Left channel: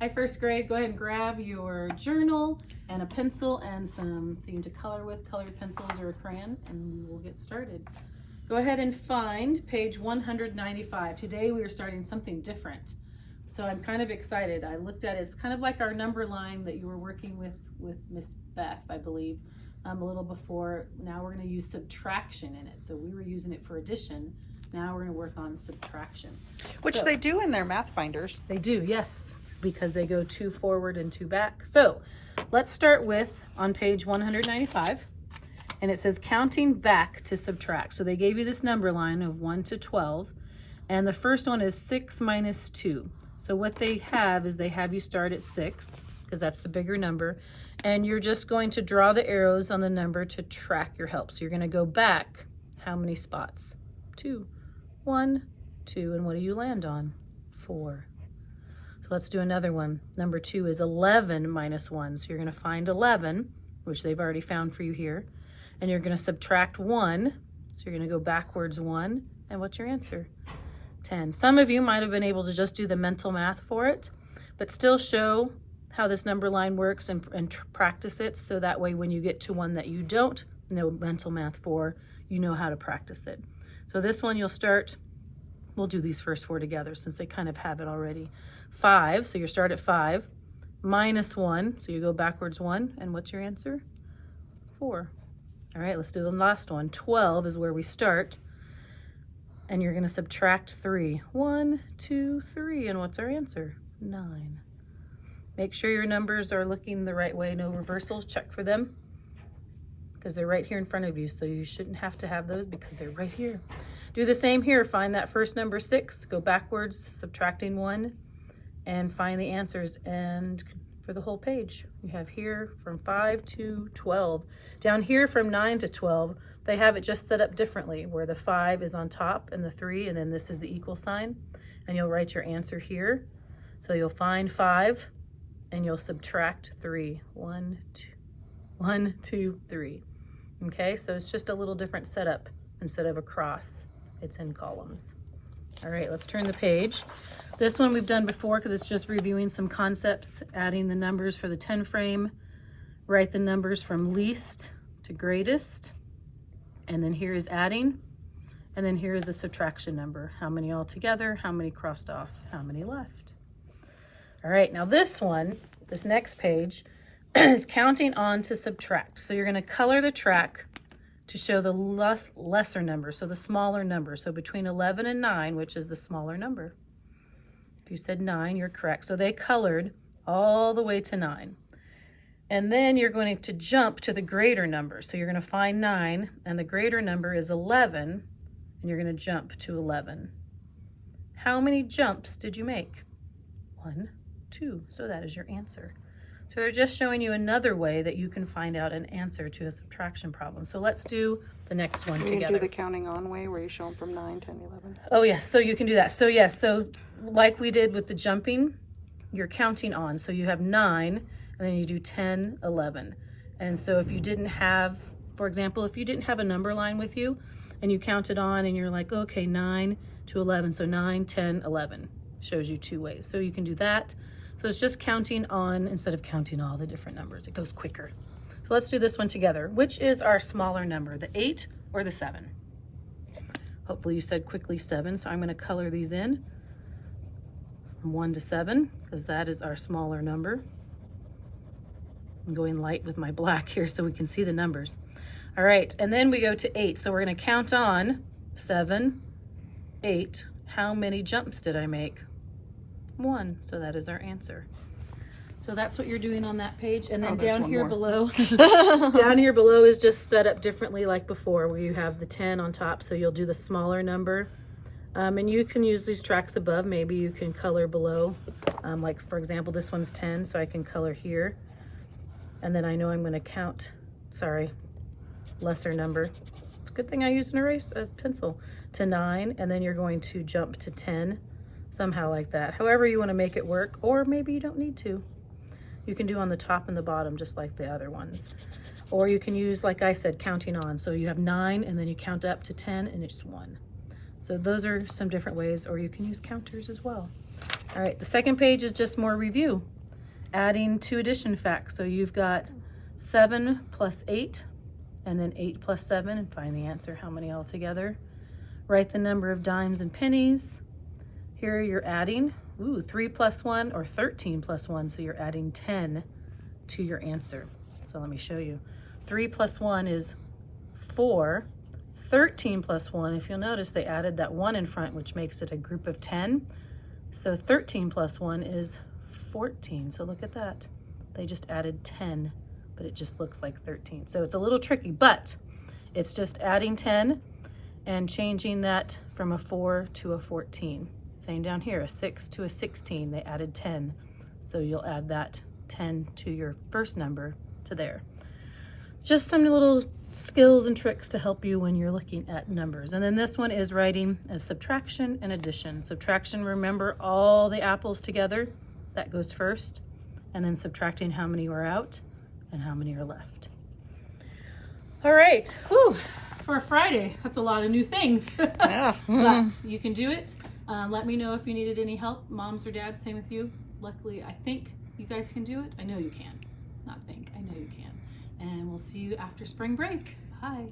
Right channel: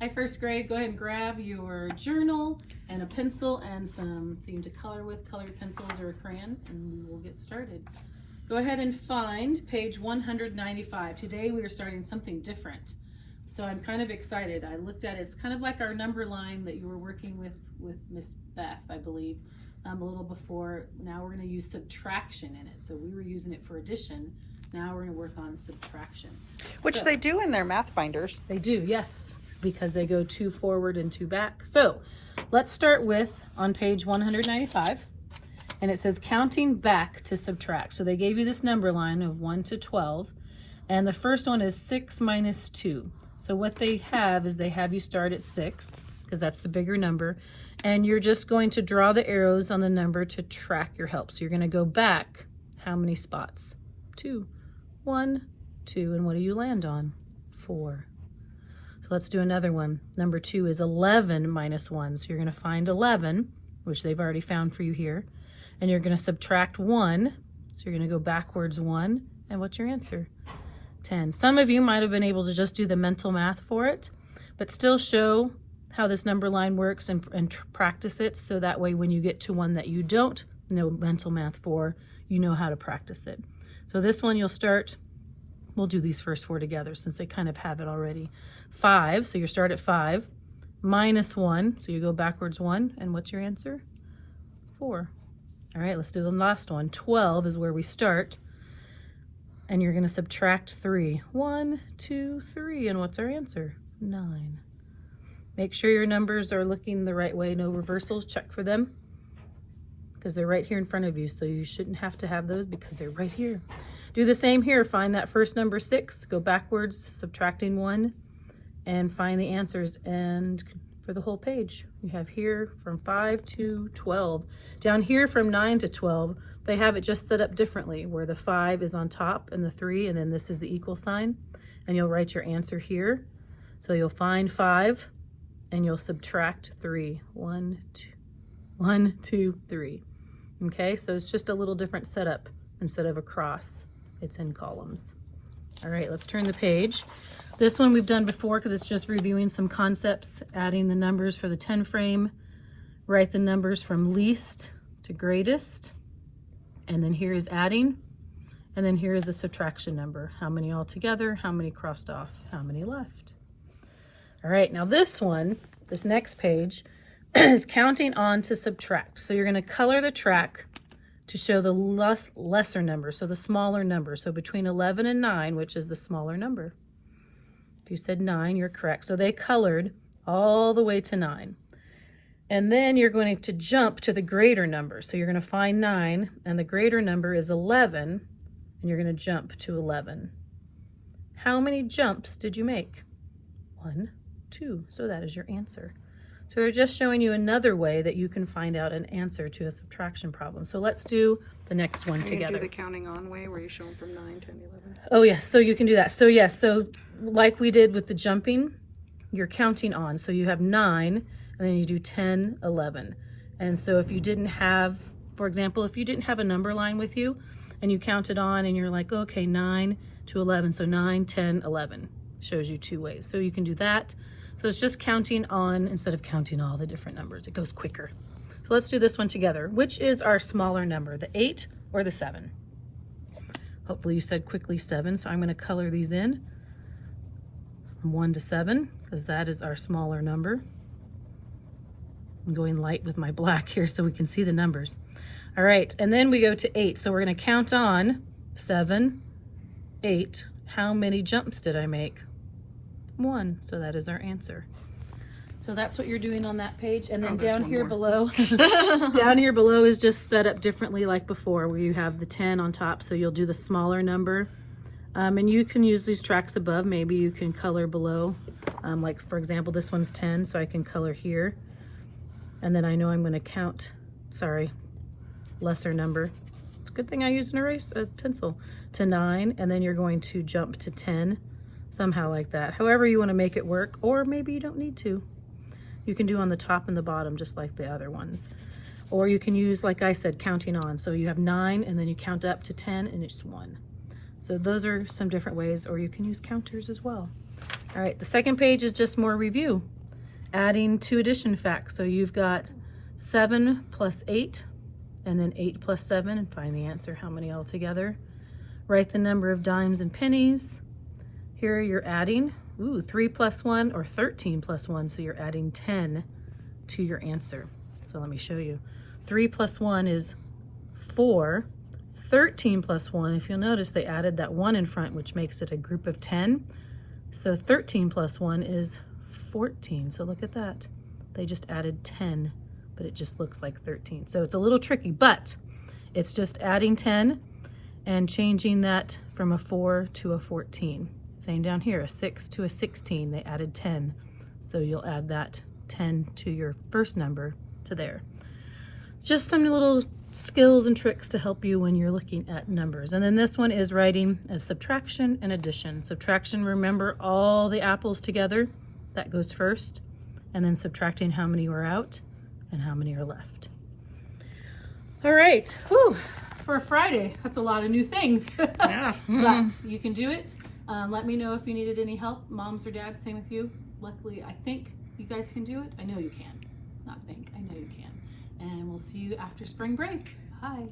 Hi, first grade. Go ahead and grab your journal and a pencil and something to color with, colored pencils or a crayon, and we will get started. Go ahead and find page 195. Today we are starting something different. So I'm kind of excited. I looked at it. It's kind of like our number line that you were working with Miss Beth, I believe, a little before. Now we're going to use subtraction in it. So we were using it for addition. Now we're going to work on subtraction. Which they do in their math binders. They do, yes, because they go 2 forward and 2 back. So let's start with on page 195, and it says counting back to subtract. So they gave you this number line of 1 to 12, and the first one is 6 minus 2. So what they have is they have you start at 6, because that's the bigger number, and you're just going to draw the arrows on the number to track your help. So you're going to go back how many spots? 2. 1, 2, and what do you land on? 4. So let's do another one. Number 2 is 11 minus 1. So you're going to find 11, which they've already found for you here, and you're going to subtract 1. So you're going to go backwards 1, and what's your answer? 10. Some of you might have been able to just do the mental math for it, but still show how this number line works and practice it, so that way when you get to one that you don't know mental math for, you know how to practice it. So this one you'll start, we'll do these first 4 together since they kind of have it already. 5, so you start at 5, minus 1, so you go backwards 1, and what's your answer? 4. All right, let's do the last one. 12 is where we start, and you're going to subtract 3. 1, 2, 3, and what's our answer? 9. Make sure your numbers are looking the right way, no reversals, check for them, because they're right here in front of you, so you shouldn't have to have those because they're right here. Do the same here. Find that first number 6, go backwards, subtracting 1, and find the answers. And for the whole page, you have here from 5 to 12. Down here from 9 to 12, they have it just set up differently, where the 5 is on top and the 3, and then this is the equal sign. And you'll write your answer here. So you'll find 5, and you'll subtract 3. 1, 2, 3. Okay, so it's just a little different setup. Instead of a cross, it's in columns. All right, let's turn the page. This one we've done before because it's just reviewing some concepts, adding the numbers for the 10 frame, write the numbers from least to greatest, and then here is adding, and then here is a subtraction number. How many all together, how many crossed off, how many left. All right, now this one, this next page, is counting on to subtract. So you're going to color the track to show the lesser number, so the smaller number. So between 11 and 9, which is the smaller number. If you said 9, you're correct. So they colored all the way to 9. And then you're going to jump to the greater number. So you're going to find 9, and the greater number is 11, and you're going to jump to 11. How many jumps did you make? 1, 2. So that is your answer. So they're just showing you another way that you can find out an answer to a subtraction problem. So let's do the next one together. You do the counting on way where you show them from 9, 10, 11. Oh yes, so you can do that. So yes, so like we did with the jumping, you're counting on. So you have 9, and then you do 10, 11. And so if you didn't have, for example, if you didn't have a number line with you and you counted on and you're like, okay, 9 to 11. So 9, 10, 11 shows you 2 ways. So you can do that. So it's just counting on instead of counting all the different numbers. It goes quicker. So let's do this one together. Which is our smaller number, the 8 or the 7? Hopefully you said quickly 7, so I'm going to color these in from 1 to 7 because that is our smaller number. I'm going light with my black here so we can see the numbers. All right, and then we go to 8. So we're going to count on 7, 8. How many jumps did I make? 1, so that is our answer. So that's what you're doing on that page, and then down here below, down here below is just set up differently like before, where you have the 10 on top, so you'll do the smaller number, and you can use these tracks above. Maybe you can color below, like for example, this one's 10, so I can color here, and then I know I'm going to count, lesser number. It's a good thing I used a pencil, to 9, and then you're going to jump to 10. Somehow like that. However you want to make it work, or maybe you don't need to. You can do on the top and the bottom just like the other ones. Or you can use, like I said, counting on. So you have 9 and then you count up to 10 and it's 1. So those are some different ways, or you can use counters as well. All right, the second page is just more review. Adding to addition facts. So you've got 7 plus 8, and then 8 plus 7, and find the answer, how many altogether. Write the number of dimes and pennies. Here you're adding, 3 plus 1 or 13 plus 1, so you're adding 10 to your answer. So let me show you. 3 plus 1 is 4. 13 plus 1, if you'll notice, they added that 1 in front, which makes it a group of 10. So 13 plus 1 is 14. So look at that. They just added 10, but it just looks like 13. So it's a little tricky, but it's just adding 10 and changing that from a 4 to a 14. Same down here, a 6 to a 16, they added 10. So you'll add that 10 to your first number to there. It's just some little skills and tricks to help you when you're looking at numbers. And then this one is writing a subtraction and addition. Subtraction, remember all the apples together, that goes first, and then subtracting how many are out and how many are left. All right, whew, for a Friday, that's a lot of new things. Yeah. But you can do it. Let me know if you needed any help, moms or dads, same with you. Luckily, I think you guys can do it. I know you can. Not think, I know you can. And we'll see you after spring break. Bye.